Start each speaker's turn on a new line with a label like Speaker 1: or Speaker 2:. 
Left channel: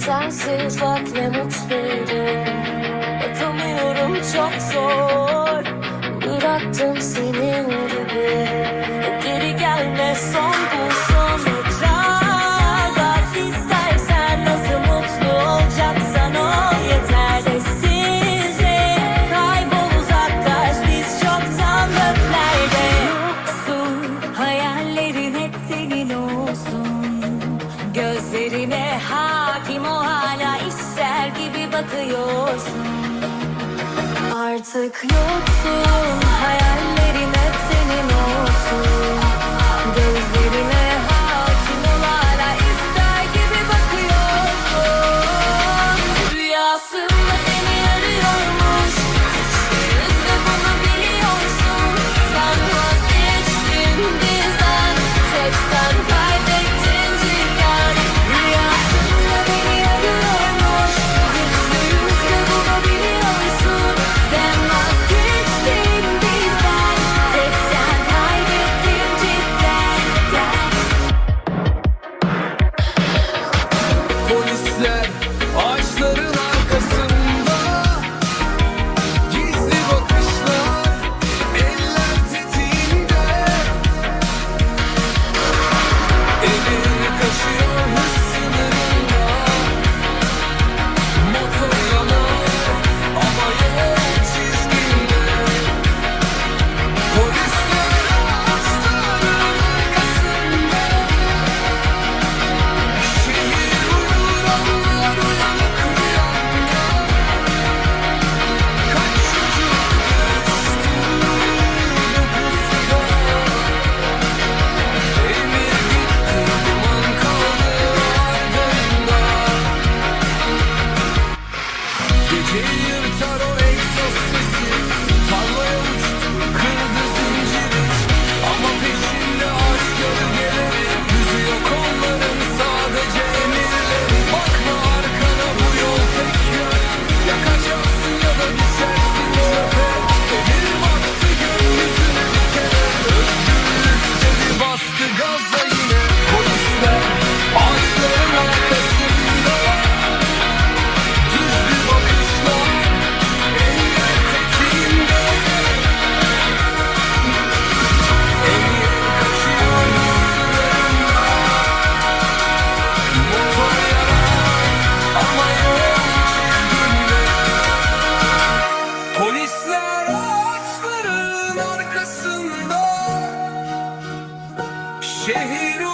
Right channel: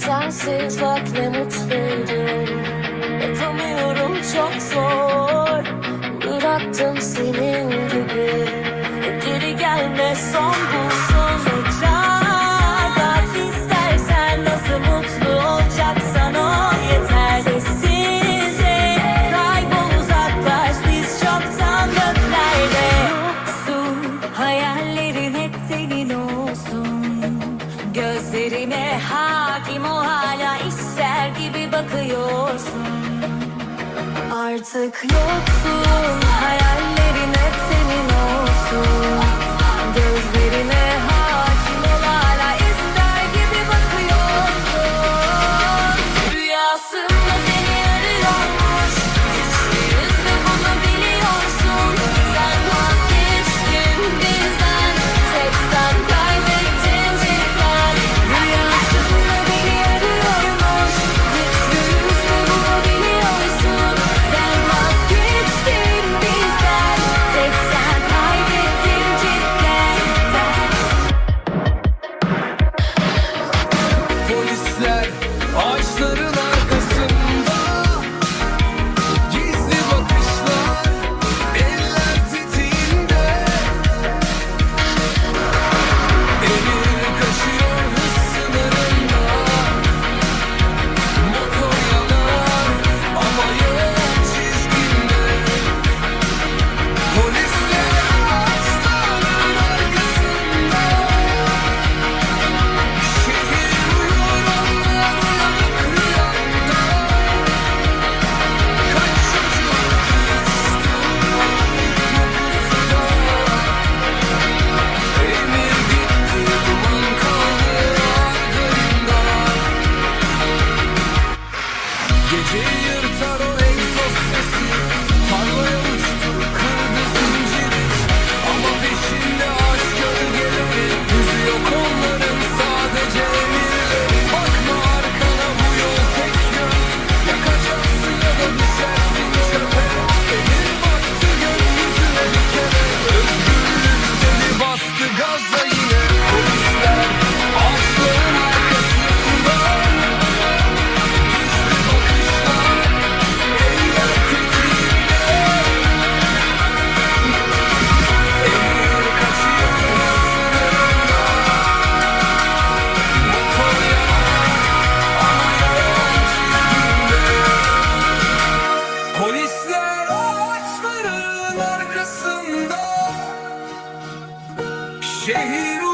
Speaker 1: Sensiz bak ne mutluydum Yapamıyorum çok zor. Bıraktım senin gibi. Geri gelme son Gözlerime hakim o hala ister gibi bakıyorsun. Artık yoksun hayallerim hep senin olsun. Gözlerime hakim ol hala ister gibi bakıyorsun. Rüyasım
Speaker 2: gözler Ağaçların Geceyi yırtar o egzoz sesi. Tarlaya uçtu kırdı zinciri. Ama peşinde aç gölgeleri. Yüzü yok onların sadece emin şehir